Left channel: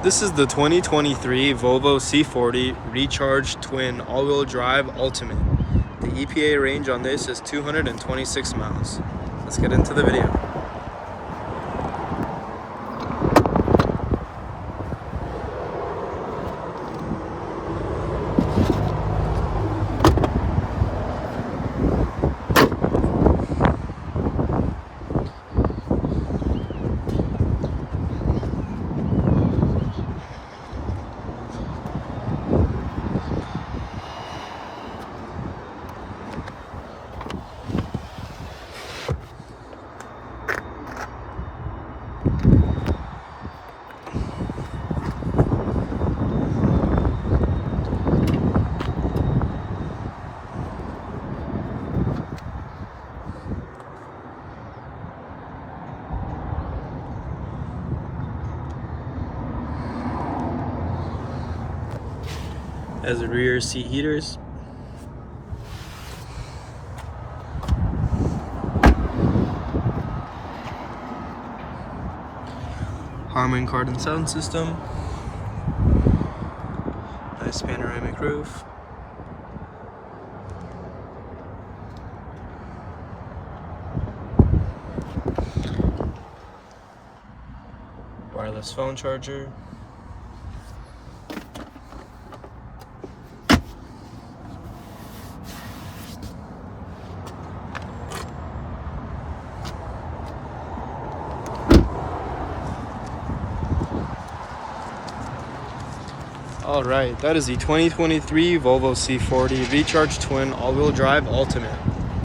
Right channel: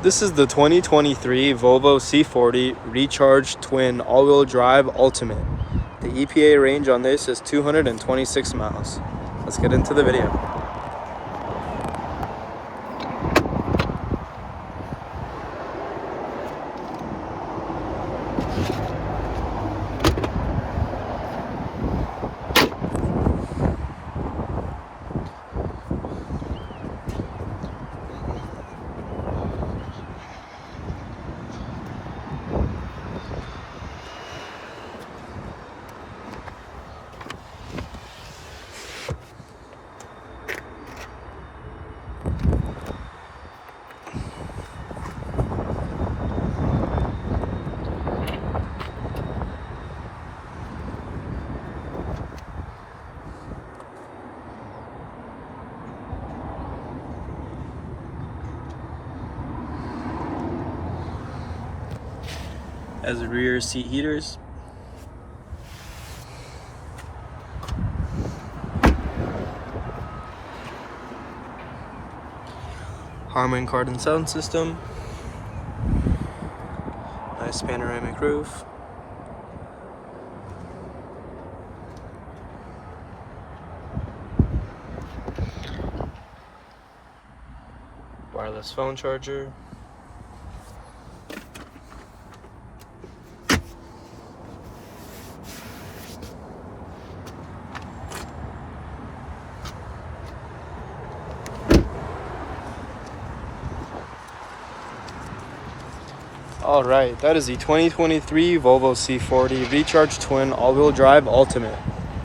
This is the 2023 Volvo C40 Recharge Twin All-Wheel Drive Ultimate. The EPA range on this is 226 miles. Let's get into the video. Has rear seat heaters, Harman Kardon sound system, nice panoramic roof, wireless phone charger, Alright, that is the 2023 Volvo C40 Recharge Twin All-Wheel Drive Ultimate.